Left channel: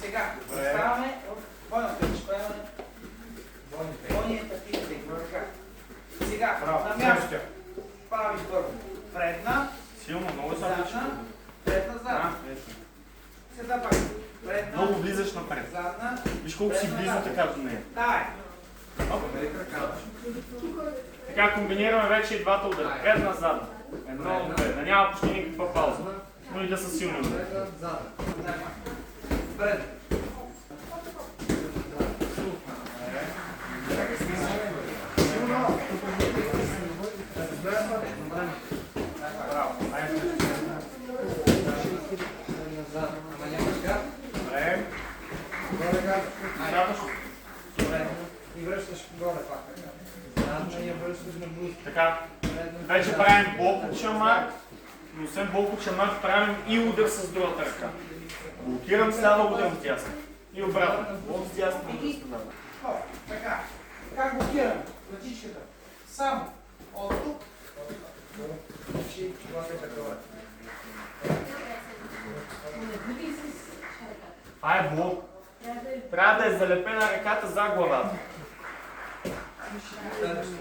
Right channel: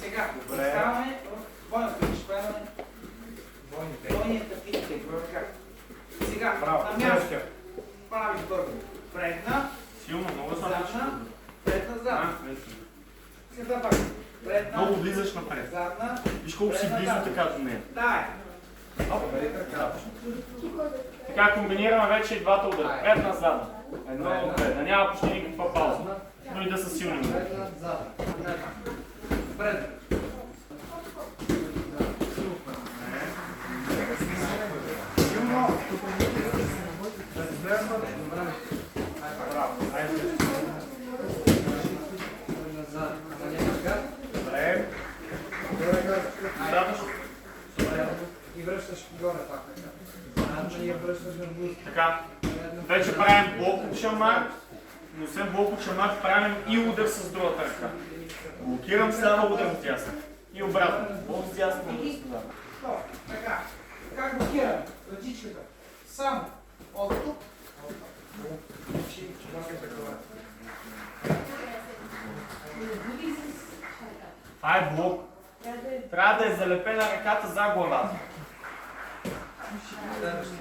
Сега, оставаме бойното изпълнение. Бойни тактиките. Сега, на място. Прави първо. Предна. Силно, много задна. Предна, задна. Сега пак. Предна. Много влизаш напред. Задна. Виж колко си близо така до нея. Дай. Така комбинираме вече и двата удара. Предна, задна. Едно, предна. Няма почти никаква пауза. Но и да са силни удара. Предна, задна. Предна. Браво. Айде. Добре. Достатъчно. И връщаш горе пак. И я връщаш на близко. Така. Вече правим блок от шамар, но освен блок от шамар правим и удар с другата ръка. Блокирам, става удар от дясно. И обратно. Блок с дясно, удар с дясно. Така. Как блокираме? Ръчичката. Само от тук. Това е блок. Трябва да е залепена ръката за главата.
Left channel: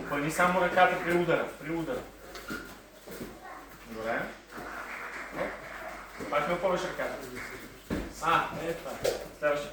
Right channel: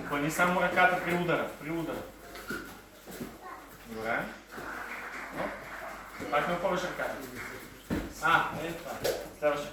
Опъни само ръката при удара. При удара. Добре. Пак не опъваш ръката. Е това. Следващия.